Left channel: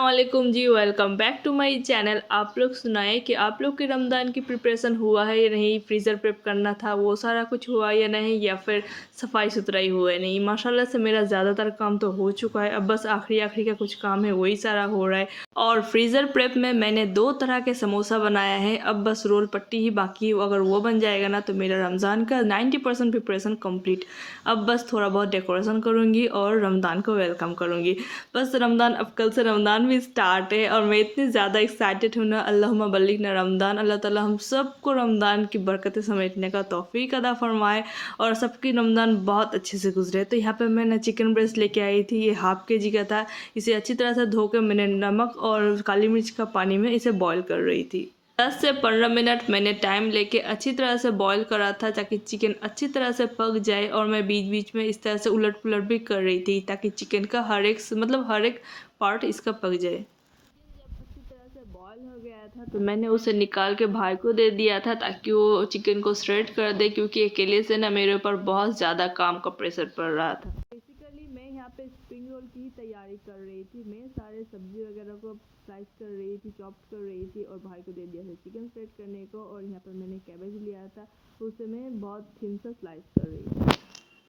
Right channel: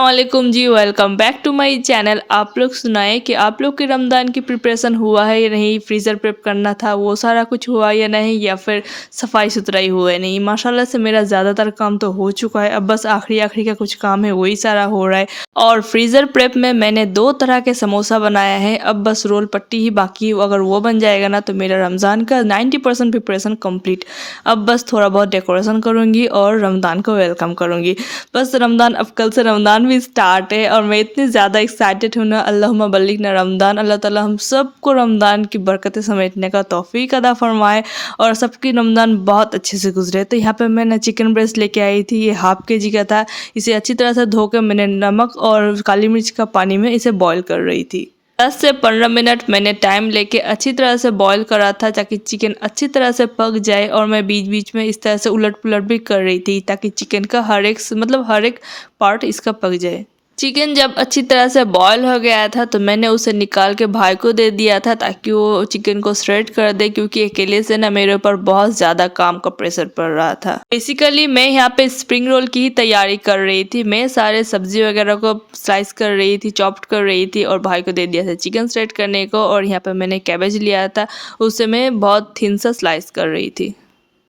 अस्सलाम जी, welcome back to my channel. आप लोग सुनाए कि आप लोग के रमज़ान की प्रिपरेशन हुआ है या नहीं, फ्रीज़र प्रेप करना था वो सारा कुछ हुआ या नहीं, या फिर सफाई सुथराई हुआ है नहीं। माशाल्लाह से मेरा ज़्यादातर काम तो हो चुका है, अब बस आखिरी आखिरी का कुछ काम है वही सारा हो रहा है। और फ्रीज़र प्रेप में मैंने 2 तरह के समोसा बनाया है, अब बस रोल पट्टी ही बाकी है। अगर वो बन जाएगा ना तो मेरा रमज़ान का 90% प्रिपरेशन कंप्लीट। अब बस थोड़ा बहुत डेकोरेशन करूँगी और रमज़ान को वेलकम करूँगी। बस रमज़ान, अब कल से रमज़ान भी स्टार्ट है और मैं इतनी ज़्यादा एक्साइटेड हूँ ना। अल्लाहुम्मा बल्लिगना रमज़ान। अल्लाह ताला हम सबको रमज़ान की बरकतें समेटने का तौफ़ीक अता फ़रमाए और सबकी रमज़ान बहुत अच्छे से गुजरे। तो यहाँ पे मैंने चिकन ब्रेस्ट लेके आई थी, ये हाफ़ केजी का था। इसे अच्छी तरह से धो के मैंने नमक और काली मिर्च का पानी में इसे बॉईल कर रही थी। 10 से 15 मिनट मैंने टाइम लेके अच्छी तरह से बॉईल करा था ताकि चिकन अच्छी तरह से पक जाए। और मैं बीच बीच में इस तरह से उलट पुलट भी कर रही थी ताकि चिकन का हर एक पार्ट इसका पक जाए। चिकन जब अच्छी तरह से बॉईल हो गया था तो मैंने उसे निकाल के भाई को दे दिया था ताकि वो चिकन को श्रेड कर दे, क्योंकि अकेले से ना मेरे ऊपर बहुत ज़्यादा काम का प्रेशर पड़ रहा था। बेसिकली मैं यहाँ पे स्प्रिंग रोल की ही तैयारी कर रही थी। मैं सारे सब्जी वगैरह को स्लाइस कर रही थी, चॉप्ड कर रही थी और भाई को दे दिया था चिकन श्रेड करने को। और यहाँ पे मैंने कैबेज लिया था, उसे मैं बहुत थिन सा स्लाइस कर रही थी।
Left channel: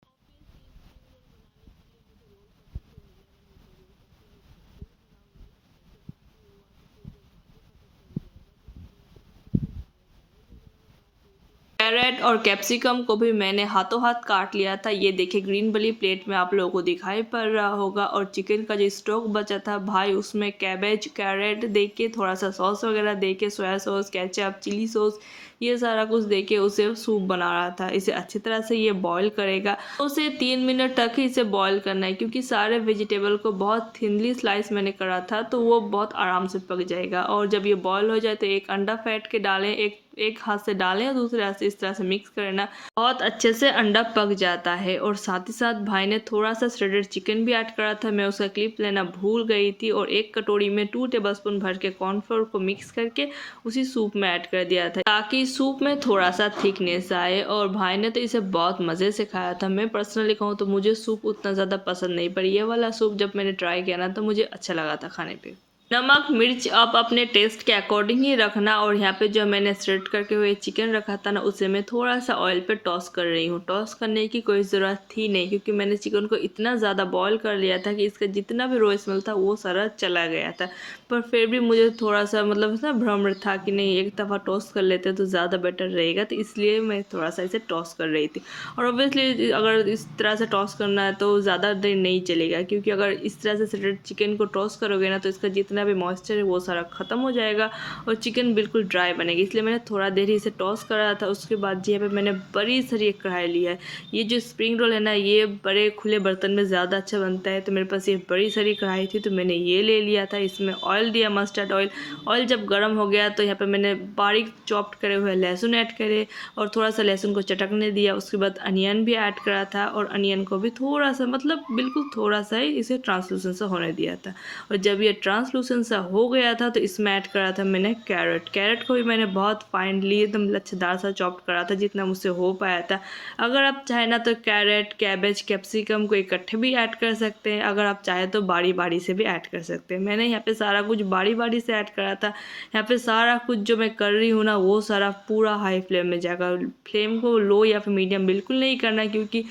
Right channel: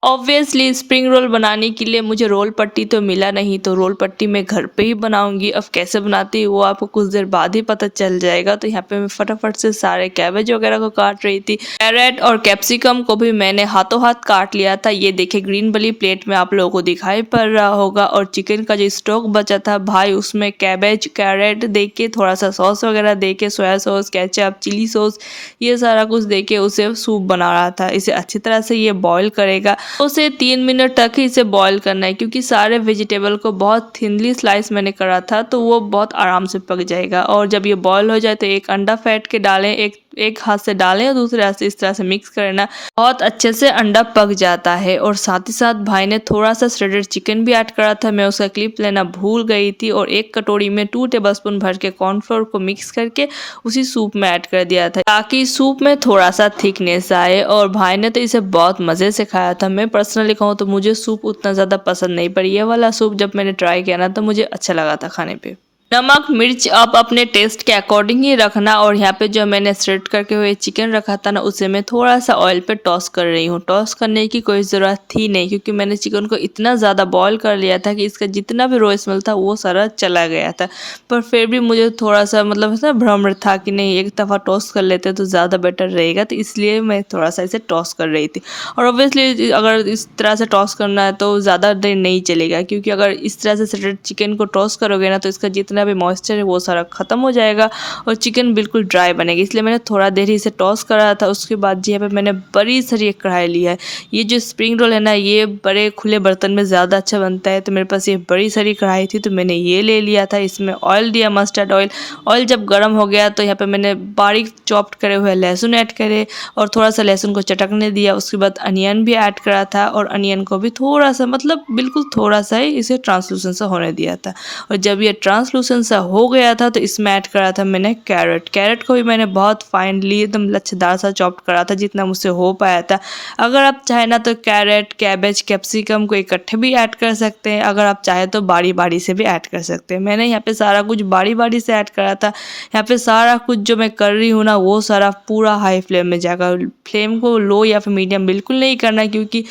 ऑब्वियसली स्प्रिंग रोल बनाने के लिए मुझे रोल पट्टी तो मिला नहीं, तो रोल पट्टी मैं घर पे ही बनाऊंगी। अब कैसे बनाती हूँ वो आपको कुछ देर बाद ही पता चल जाएगा। तो यहाँ पे मैं फटाफट से सारे कैबेज वगैरह को काट रही थी। कैरेट और कैप्सिकम को भी मैंने हाथों हाथ काट लिया था। ये देखिए ग्रीन वाली प्लेट में आप लोगों को दिखाई पड़ रहा होगा। और चिकन का जो स्टॉक बचा था भाई, उसमें कैबेज कैरेट दे के, थोड़ा सा सॉस वगैरह दे के, soya sauce, ketchup, chilli sauce, ये सारा कुछ दे के उसे सूप बना रहा था। इसे अच्छी तरह से ये बॉईल करेगा, उसे 3 मिनट तक ही इसे बॉईल करना है, क्योंकि सारे वेजिटेबल को बहुत थिनली स्लाइस मैंने करा था तो वो बहुत आराम से पक जाएगा। और जब ये बॉईल हो जाए तो एक अंडा फेंट के डालें, एक हाथ से डालें और दूसरे हाथ से इस तरह से मिक्स करना, बहुत अच्छे से अंडा पक जाता है। और साथ ही साथ भाई ने थोड़ा सा श्रेडेड चिकन भी ऐड करा था, मैं उसका क्लिप लेना भूल गई थी। और एक कटोरी में 2 टेबलस्पून भर के कॉर्नफ्लोर को मिक्स करके उसी सूप में ऐड कर दिया था ताकि सूप में थोड़ा सा थिकनेस आए। और भाई ने तो इसे बहुत मज़े से खाया था। मैं पर्सनली कहूँ तो मुझे सूप उतना ज़्यादा पसंद नहीं, पर ये वाला सूप जब मैंने ट्राई किया ना तो मुझे अच्छा लगा था खाने पे। नमक मिर्च आप अपने टेस्ट के अकॉर्डिंग ही रखना। और यहाँ पे जो मैंने श्रेड करके हुए चिकन रखा था ना, उसे मैं थोड़ा सा ऑयल पे टॉस कर रही हूँ। टॉस करने की कोई ज़रूरत थी नहीं, क्योंकि मैंने चिकन को इतना ज़्यादा बॉईल कर लिया था कि इसका जितना भी रॉ स्मेल था वो सारा चला गया था। पर फिर भी मुझे थोड़ा सा ना भ्रम था कि नहीं, एक दफ़ा टॉस कर लेते तो ज़्यादा बेटर रहेगा, तो इसलिए मैं थोड़ा सा इसे टॉस कर रही थी। और ऑब्वियसली अगर इस तरह से टॉस करना है तो ज़्यादा देर नहीं चलेगा, क्योंकि अगर इस तरह से श्रेडेड चिकन को टॉस करोगे ना तो इसका जितना भी मॉइस्चर है वो सारा ख़त्म हो जाएगा और चिकन बिल्कुल ड्राई बनेगी। इसलिए मैंने थोड़ा देर ही इसे टॉस करा था। उसके बाद यहाँ पे मैंने बड़ी सारी एक कढ़ाई लिया है। ये जो स्प्रिंग रोल है ना, ये बड़े खुले बर्तन में ज़्यादा अच्छा बनता है, तो मेरे पास ये बड़ी सारी कढ़ाई थी तो मैंने ये ले लिया था। इसमें ऑयल दिया, मस्टर्ड ऑयल। ऑयल जब गर्म हो गया तो यहाँ पे मैंने बारीक चॉप्ड करे हुए लहसुन ऐड करे और थोड़ा सा लहसुन को चटकने दिया। उसके बाद अनियन भी ऐड करा था और अनियन को भी थोड़ा सा, मतलब बिल्कुल थोड़ा सा ही इसे ट्रांसलूसेंट सा होने दिया था। और जब ये ट्रांसलूसेंट सा हो गया था तो इसमें ऐड करा था मैंने कैरेट। कैरेट को भी मैंने बहुत फाइनली एकदम लच्छेदार सा चॉप्ड करा था जितना मुझसे हो पाया था। अगर आप चाहे ना तो कैरेट, कैबेज, कैप्सिकम को इकट्ठे भी ऐड कर सकते हैं। अगर आप चाहे तो बारी बारी से भी ऐड कर सकते हैं। मैंने यहाँ पे सारा कुछ बारी बारी से ऐड करा था। यहाँ पे सारा कुछ जो मैं कर रही हूँ ना वो सारा पूरा हाई फ्लेम में जाकर, फ्लेम को लो या फिर मीडियम बिल्कुल नहीं करना, क्योंकि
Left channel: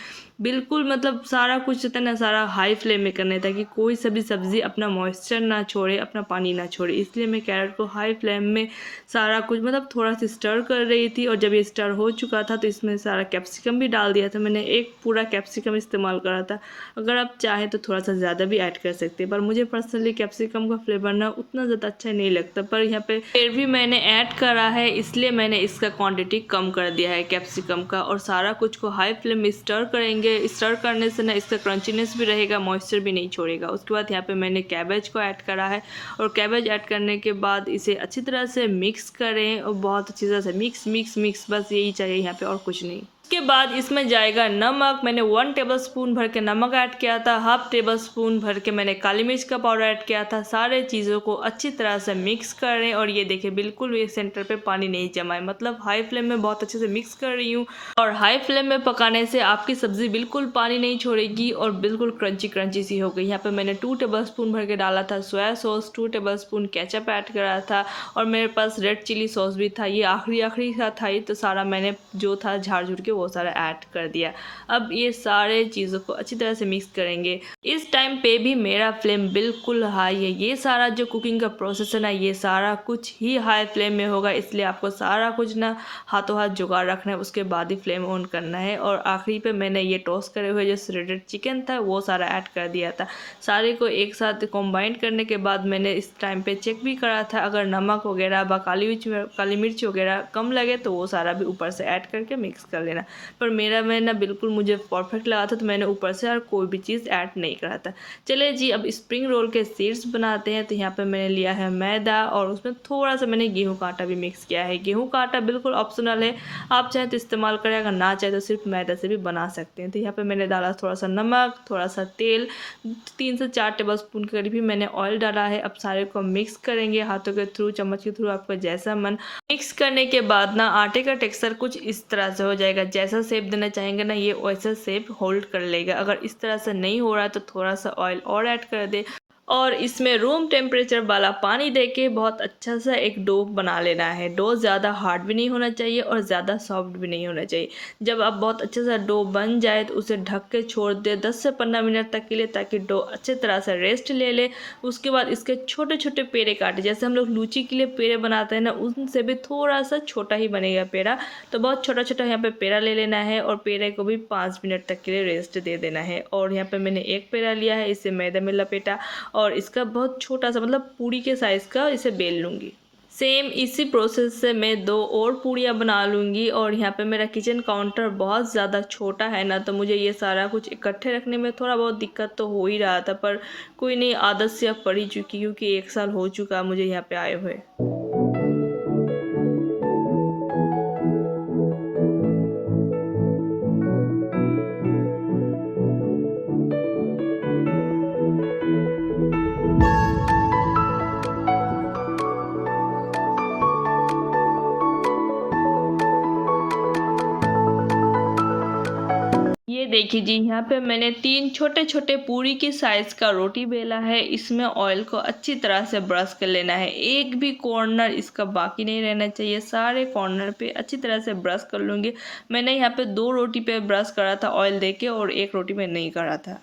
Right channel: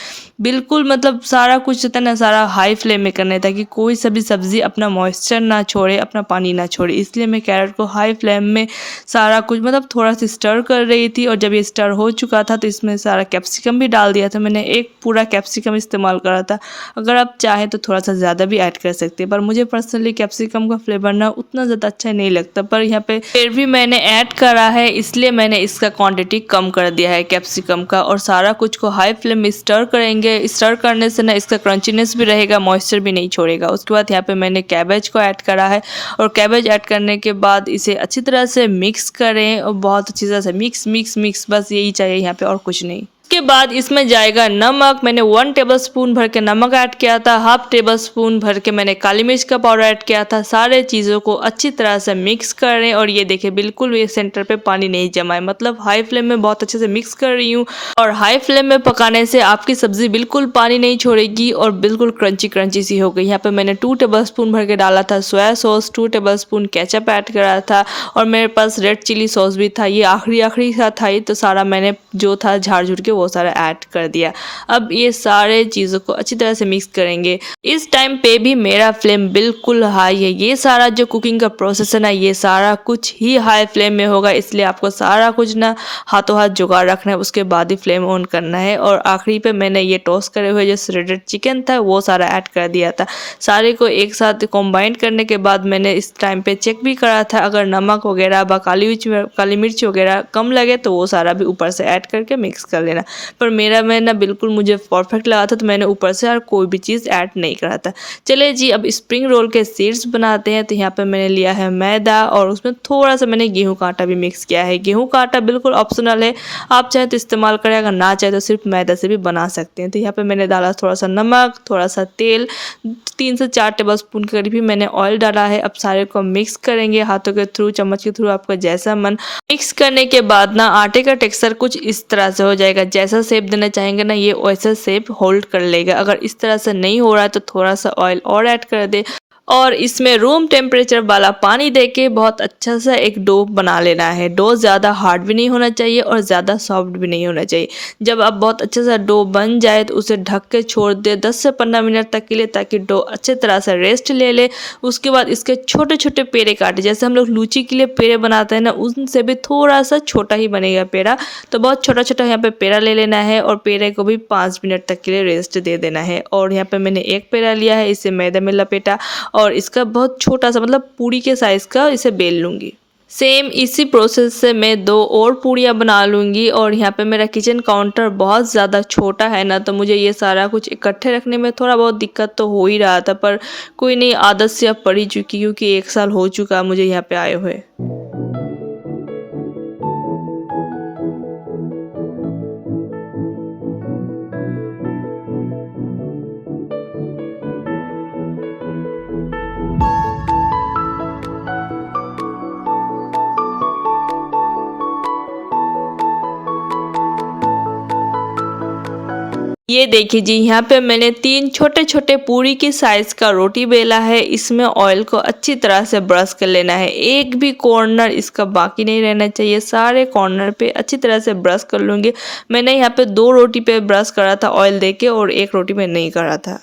बिल्कुल मतलब सारा कुछ होता है ना, सारा हाई फ्लेम में करना है ताकि कोई सा भी सब्ज़ी अपना मॉइस्चर ना छोड़े, अपना पानी ना छोड़े। इसलिए मैं कैरेट को हाई फ्लेम में सारा कुछ मतलब थोड़ा सा स्टर कर रही थी। और जब ये स्टर हो चुका था तो इसमें सारा कैप्सिकम भी डाल दिया था। मैंने एक पूरा कैप्सिकम इस्तेमाल करा था। अगर आप चाहें तो थोड़ा सा ज़्यादा भी ऐड कर सकते हैं, पर मुझे पर्सनली कैप्सिकम का फ्लेवर ना उतना ज़्यादा अच्छा नहीं लगता। पर यहाँ पे फिर भी मैंने ऐड करा है, इसलिए मैंने इसका क्वांटिटी कम कर दिया है कैप्सिकम का। और सारा कुछ को हाई फ्लेम में स्टर करेंगे। स्टर करने से ना इसका क्रंचीनेस भी रहेगा, मॉइस्चर भी नहीं छोड़ेगा। उसके बाद यहाँ पे मैंने कैबेज को ऐड करा है और कैबेज ऐड करने के बाद इसे अच्छी तरह से मिक्स करें और बहुत अच्छी तरह से मिक्स मिक्स मिक्स, बस यही चाहिए यहाँ पे और कुछ नहीं। उसके बाद इसमें जाएगा नमक। मैंने 1 टेबलस्पून भर के नमक ऐड किया था, हाफ टेबलस्पून भर के मैंने काली मिर्च का पाउडर ऐड किया था। सारे चीज़ों को अच्छी तरह से मिक्स कर रहे हैं और ये देखिए बिल्कुल भी सेंटर पे पानी नहीं जमा है, मतलब हाई फ्लेम में बहुत अच्छे से मिक्स कर रही हूँ। और हाई फ्लेम में पकाने से आपकी सब्ज़ी बिल्कुल पानी नहीं छोड़ेगी और बिल्कुल क्रंची क्रंची सी हो गई। यहाँ पे मैंने 2 टेबलस्पून भर के डाला था soya sauce, 2 tablespoon ketchup add करा था और मेरे पास रेड चिली सॉस भी था। ये आखिरी सा था ही, तो सारा मैंने जो था झाड़ झूड़ के वो सारा ऐड कर दिया। अब ये सारे चीज़ों को अच्छी तरह से मिक्स करेंगे। इस टाइम पे भी मेरा फ्लेम बिल्कुल हाई है। ये सारा जो कुकिंग का प्रोसेस है ना, ये सारा कुछ ही हाई फ्लेम में होगा, इसलिए आपको सारा कुछ ना हाथों हाथ जुगाड़ रखना है, उसके बाद ही फ्लेम ऑन करना है। और आखिरी पे मैंने ये टोस्ट करे हुए जो श्रेडेड चिकन था वो सारा ऐड कर दिया था। सारे को एक साथ कंबाइन करने के बाद मैंने इस टाइम पे चेक भी करा था, अगर नमक वगैरह व काली मिर्च वगैरह कम लगे तो वो सारा भी ऊपर से ऐड करके मिक्स कर लेना। पर मेरा मैं ना बिल्कुल मुझे परफेक्ट लगा था, तो मैंने ऊपर से और कोई भी चीज़ ऐड नहीं करा था। चलिए जी, अब स्प्रिंग रोल के सीड्स बनाते हैं। तो यहाँ पे मैंने लिया है मैदा और उसमें थोड़ा सा मैंने गेहूं का आटा भी मिक्स किया है। गेहूं का आटा बिल्कुल ऑप्शनल है, आप चाहे तो इस्तेमाल करें, अगर ना चाहे तो सिर्फ मैदा से भी बना सकते हैं। तो यहाँ पे मैंने डाला थोड़ा सा नमक, थोड़ा सा तेल, 3 से 4 टेबलस्पून के करीब ही मैंने ऑयल डाला है। अब सारे को मिक्स करेंगे हाथों के थ्रू, चम्मच के थ्रू, आपका जैसा मन। मिक्स करने के बाद ना आटे का टेक्सचर कुछ इस तरह से हो जाएगा। जैसा शेप देना चाहेंगे ना, ये वैसा शेप होल्ड कर लेगा। अगर इस तरह से नहीं हो रहा है तो थोड़ा सा ऑयल और ऐड कर दे और इसमें रूम टेम्परेचर वाला पानी देके बहुत अच्छा सा एक डो बना लेना है। डो ज़्यादा हार्ड भी नहीं होना चाहिए और ज़्यादा सॉफ्ट भी नहीं होना चाहिए। जब आप बहुत अच्छा सा डो बन जाए तो उसे ढक के छोड़ दे 10 से 15 मिनट तक के लिए, ताकि डो अच्छे तरह से रेस्ट ले ले। उसके बाद इसके छोटे छोटे पेड़े काटे, जैसे हम लोग लूची के लिए पेड़े बनाते हैं ना, उनसे भी थोड़ा सा छोटा ही बनेगा पेड़ा। तो बहुत छोटा छोटा यहाँ पे पेड़ा ले लेना है और पेड़े को भी 5 मिनट तक के लिए रेस्ट दे देना है। और यहाँ पे मैंने एक पेड़ा लिया है, इसे मैदे में लपेटा और इसका बहुत छोटा सा, मतलब पूरी के साइज़ का इसे बेल लूँगी। सेम इसी प्रोसेस से मैं 2 और पूड़ियाँ बना लूँगी। और यहाँ पे मेरा किचन काउंटर बहुत ज़्यादा छोटा है ना, तो मुझे ये सारा कुछ इकट्ठे रखने में थोड़ा बहुत दिक्कत तो हो ही रहा था, पर कोई नहीं, आदत से अब पड़ ही चुकी, क्योंकि 1 साल हो चुका मुझे यहाँ पे आए हुए। ये देखिए जी, यहाँ पे मैंने 3 छोटे छोटे पूरी की साइज़ का रोटी बेला है। इसमें ऑयल को अच्छी तरह से ब्रश कर लेना है, एक भी कॉर्नर इसका बाकी नहीं रहना चाहिए। सारे कॉर्नर पे अच्छी तरह से ब्रश कर लूँगी। मैंने यहाँ पे 2 रोटी पे ब्रश करा था ऑयल देके और 1 रोटी पे नहीं करा था।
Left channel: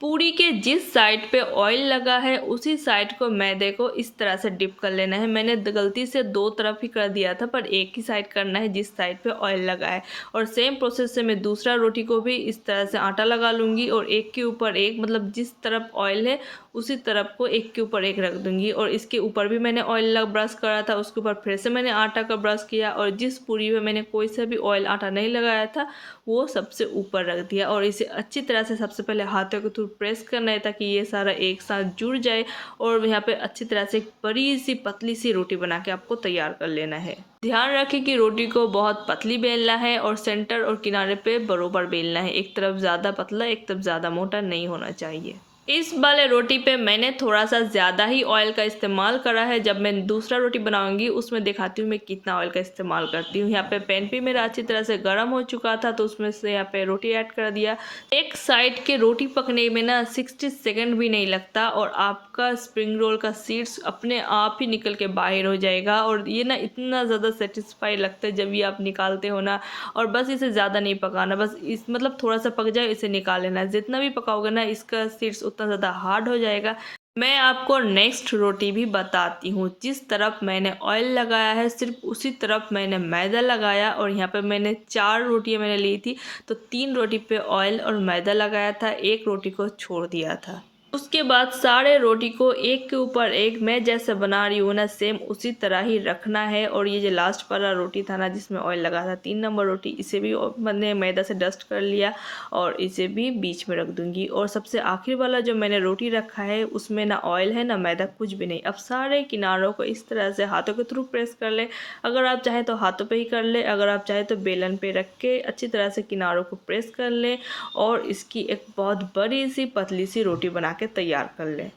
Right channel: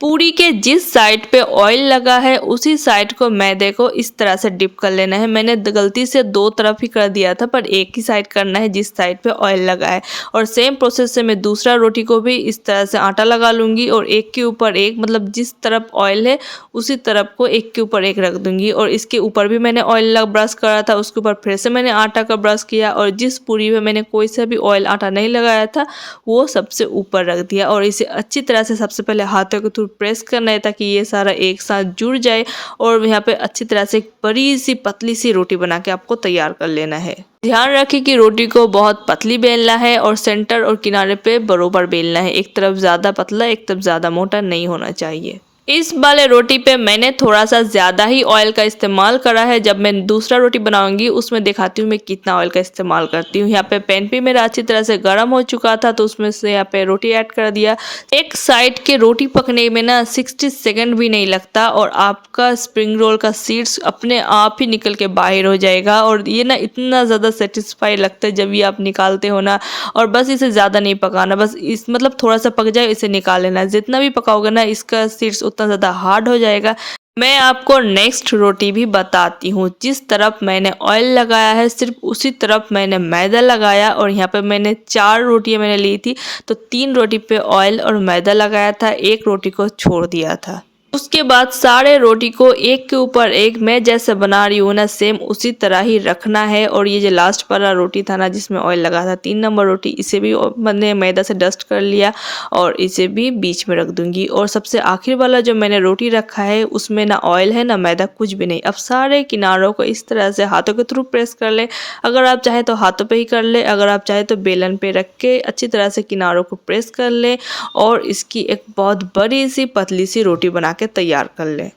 पूरी के जिस साइड पे ऑयल लगा है उसी साइड को मैदे को इस तरह से डिप कर लेना है। मैंने गलती से 2 तरफ ही कर दिया था, पर एक ही साइड करना है जिस साइड पे ऑयल लगा है। और सेम प्रोसेस से मैं दूसरा रोटी को भी इस तरह से आटा लगा लूँगी और एक के ऊपर एक, मतलब जिस तरफ ऑयल है उसी तरफ को एक के ऊपर एक रख दूँगी। और इसके ऊपर भी मैंने ऑयल ब्रश करा था, उसके ऊपर फिर से मैंने आटा का ब्रश किया और जिस पूरी में मैंने कोई सा भी ऑयल आटा नहीं लगाया था वो सबसे ऊपर रख दिया। और इसे अच्छी तरह से सबसे पहले हाथों के थ्रू प्रेस करना है, ताकि ये सारा एक साथ जुड़ जाए। और यहाँ पे अच्छी तरह से एक बड़ी सी पतली सी रोटी बना के आपको तैयार कर लेना है। ध्यान रखें कि रोटी को बहुत पतली बेलना है और सेंटर और किनारे पे बरोबर बेलना है। एक तरफ ज़्यादा पतला, एक तरफ ज़्यादा मोटा नहीं होना चाहिए। इस वाले रोटी पे मैंने थोड़ा सा ज़्यादा ही ऑयल का इस्तेमाल करा है। जब मैं दूसरा रोटी बनाऊंगी उसमें दिखाती हूँ मैं कितना ऑयल का इस्तेमाल करती हूँ। यहाँ पे पैन भी मेरा अच्छी तरह से गर्म हो चुका था, तो उसमें से यहाँ पे रोटी ऐड कर दिया। एक साइड के रोटी पकने में ना 60 सेकंड भी नहीं लगता और आपका स्प्रिंग रोल का सीड्स अपने आप ही निकल के बाहर हो जाएगा। और ये ना इतना ज़्यादा सेटिस्फाई लगता है जब ये आप निकालते हो ना। और बस इसे ज़्यादा नहीं पकाना, बस इस मतलब थोड़ा सा पक जाए इसे निकाल लेना। जितना भी पकाओगे ना इसका सीड्स उतना ज़्यादा हार्ड हो जाएगा। मैं आपको नेक्स्ट रोटी भी बताती हूँ। जिस तरफ मैंने ऑयल लगाया है सिर्फ उसी तरफ मैंने मैदा लगाया। और यहाँ पे मैंने 4 रोटियाँ मैंने ली थी, तो 3 रोटी पे ऑयल और मैदा लगाया था, 1 रोटी को छोड़ दिया था। उसके बाद सारे रोटी को एक के ऊपर एक मैं जैसे बना रही हूँ ना, सेम उसी तरह ही रखना है। और ये जो लास्ट वाला रोटी था ना जिसमें ऑयल लगा था, 3 नंबर रोटी, इसे भी मैंने मैदा से डस्ट कर लिया और इसे भी बीच में रख दूंगी। और सबसे आखिर वाला जो मैंने रोटी रखा है उसमें ना ऑयल है ना मैदा, कुछ भी नहीं। अब सारे किनारों को इस तरह से हाथों के थ्रू प्रेस कर ले। अगर आप चाहे तो हाथों पे ही कर ले, अगर आप चाहे तो बेलन पे रख के अच्छी तरह से किनारों को प्रेस कर ले और इसकी एक बहुत बड़ी सी पतली सी रोटी बना के तैयार कर लें।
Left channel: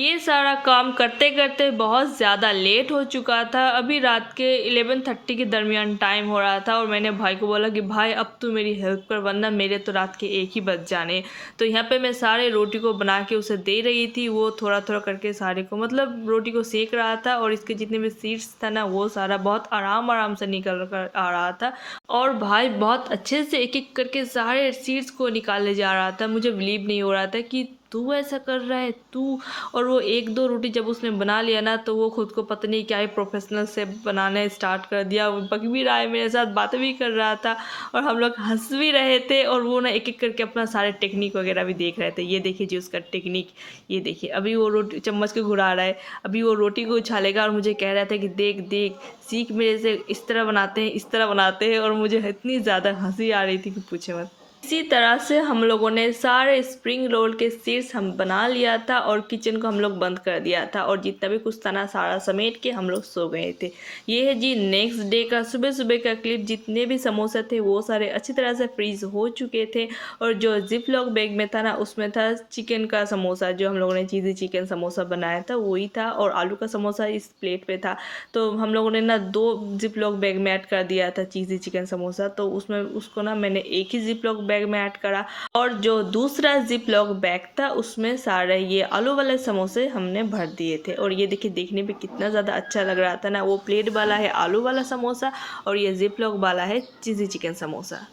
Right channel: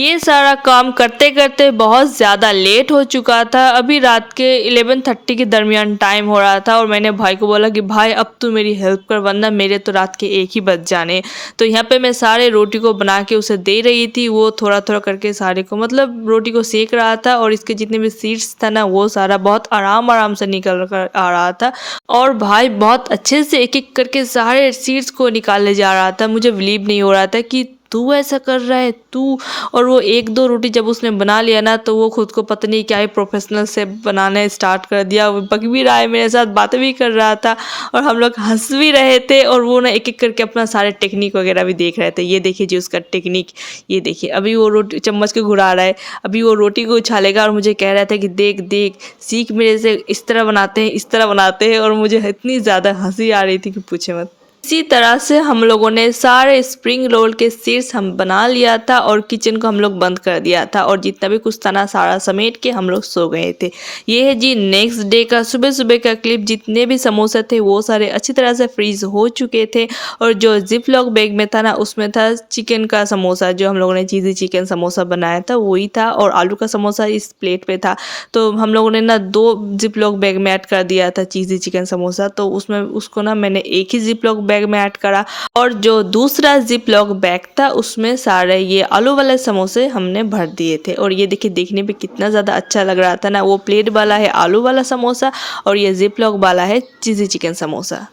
ये सारा काम करते करते बहुत ज़्यादा लेट हो चुका था। अभी रात के 11:30 के दरमियान टाइम हो रहा था और मैंने भाई को बोला कि भाई अब तू मेरी हेल्प कर, वरना मेरे तो रात के 1 ही बज जाने। तो यहाँ पे मैं सारे रोटी को बना के उसे दे रही थी। वो थोड़ा थोड़ा करके सारे को मतलब रोटी को सेक रहा था और इसके जितने भी सीड्स था ना वो सारा बहुत आराम आराम से निकल कर आ रहा था। और भाई बहुत अच्छे से एक एक करके सारे सीड्स को निकाले जा रहा था। मुझे बिलीव नहीं हो रहा था कि तू ऐसा कर रहा है तू। और वो 1-2 रोटी जब उसने बना लिया ना तो वो खुद को पता नहीं क्या ही प्रोफेशनल से बनाने स्टार्ट कर दिया। वो बक भी रहा है मेरे साथ, बातें भी कर रहा था और हम लोग हंस भी रहे थे। और वो ना एक एक करके अपना सारे टेक्निक वगैरह भी देख रहे थे। ये देखिए जी उसका टेक्निक, ये देखिए अभी वो रोटी चम्मच को घुरा रहा है, अभी वो रोटी को उछालेगा और मुझे कह रहा था कि देख देख सीख मेरे से, इस तरह बनाते हैं इस तरह बनाते हैं। और मुझे इतनी ज़्यादा हंसी आ रही थी कि पूछे मत। इसी तरह से हम लोगों ने सारे स्प्रिंग रोल के सीड्स हम बना लिया था और किचन को हम लोग बंद कर दिया था और जितना भी कुछ था ना सारा समेट के हम लोग सो गए थे। ये है जी नेक्स्ट डे का सुबह सुबह का क्लिप। जितने भी समोसे थे वो सारे अच्छी तरह से फ्रीज हो चुके थे और जो जिप लॉक बैग में था ना उसमें था चिकन का समोसा, जो हम लोगों ने चीज़ी चिकन समोसा बनाया था वही था। और आलू का समोसा इस प्लेट पे था। तो हम लोगों ने ना 2 जिप लॉक बैग में ऐड कर दिया था चीज़ी चिकन समोसा। तो उसमें उसको ना मैंने एक ही जिप लॉक बैग में ऐड करा और जो दूसरा जिप लॉक बैग था उसमें सारे ये आलू वाले समोसे हमने भर दिए थे। और ये देखिए देखने पे कितना ज़्यादा अच्छा लग रहा था ना। वो प्लेट वाला है आलू वाला समोसा और ये जिप लॉक वाला है चीज़ी चिकन समोसा।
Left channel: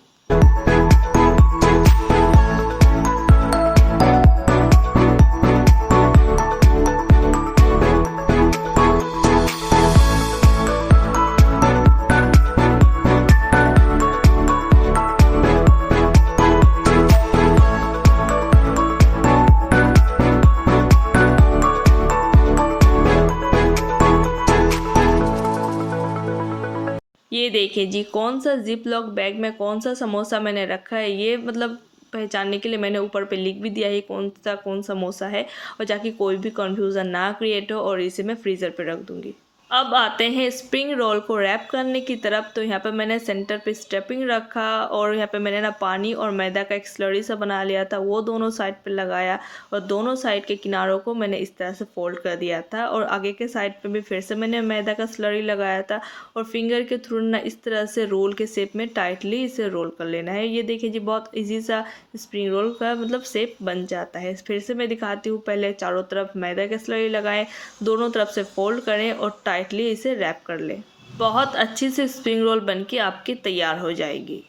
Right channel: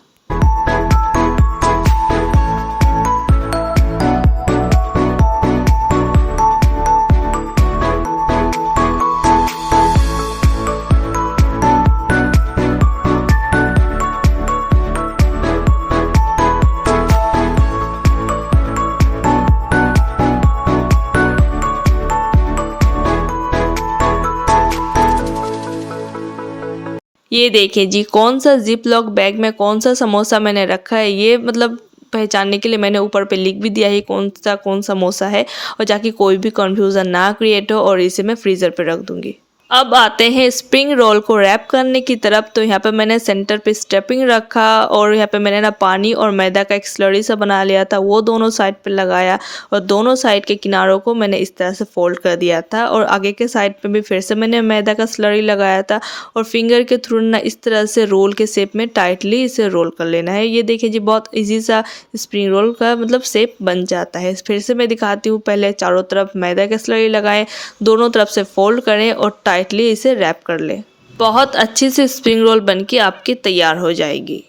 ये देखिए जी कौन सा जिप लॉक बैग में कौन सा समोसा मैंने रखा है। ये मतलब पहचानने के लिए मैंने ऊपर पे लिख भी दिया है कौन समोसा है, और ताकि कोई भी कंफ्यूजन ना क्रिएट हो। और इसे मैं फ्रीज़र पे रख दूंगी। अब आते हैं स्प्रिंग रोल को रैप करने की तरफ। तो यहाँ पे मैंने सेंटर पे स्टफिंग रखा और यहाँ पे मैंने ना पानी और मैदा का एक स्लरी सा बना लिया था, वो दोनों साइड पे लगाया और दोनों साइड के किनारों को मैंने इस तरह से फोल्ड कर दिया था। और आगे के साइड पे भी फिर से मैंने मैदा का स्लरी लगाया था और फिंगर के थ्रू ना इस तरह से रोल के शेप में टाइटली इसे रोल कर लेना है। ये देखिए जी बहुत ईजी सा स्प्रिंग रोल का मतलब शेप बन जाता है। फिर से मैं दिखाती हूँ, पहले चारों तरफ मैदा का स्लरी लगाएं, दोनों तरफ से फोल्ड करें और टाइटली इसे रैप कर लें। बहुत अच्छी से स्प्रिंग रोल बनके आपकी तैयार हो जाएगी।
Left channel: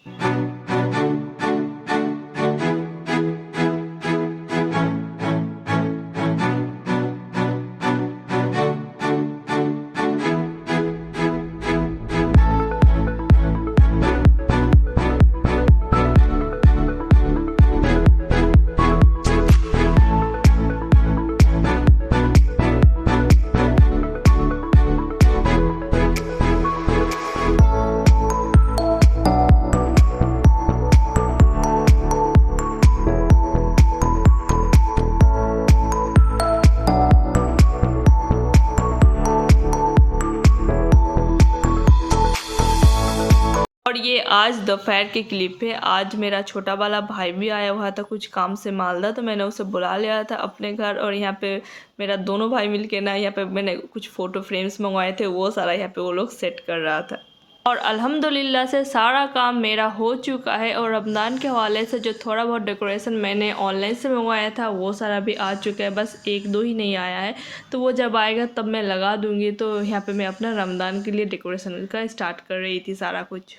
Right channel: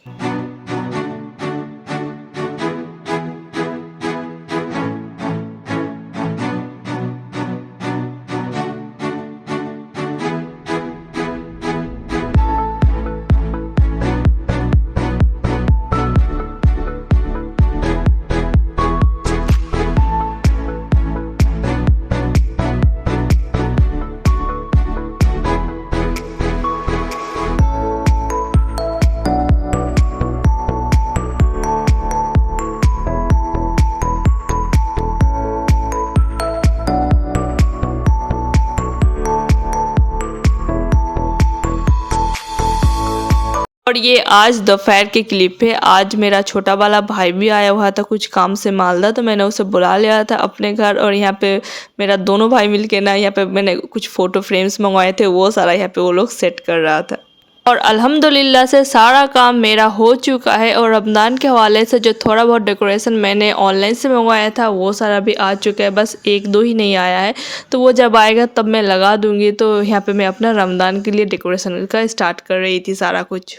और ये आज दोपहर की क्लिप है। आज मेरा छोटा वाला भाई भी आया हुआ था कुछ काम से मालदा, तो मैंने उसे बुला लिया था अपने घर। और यहाँ पे मेरा दोनों भाई मिलके ना यहाँ पे मैंने कुछ फ़ोटो फ्रेम्स मंगवाए थे, वो सारा यहाँ पे वो लोग सेट कर रहा था। और अल्हम्दुलिल्लाह से सारा काम मेरा हो चुका है। और रमज़ान के हवाले से जो थोड़ा बहुत डेकोरेशन मैंने ऑनलाइन से मंगवाया था वो सारा भी आ चुका है, बस 1-2 ही नहीं आया है। तो वो जब आएगा तब मैं लगा दूँगी। तो यहाँ पे मैं अपना रमज़ान के लिए डेकोरेशन का स्टार्ट कर रही थी सारा कुछ।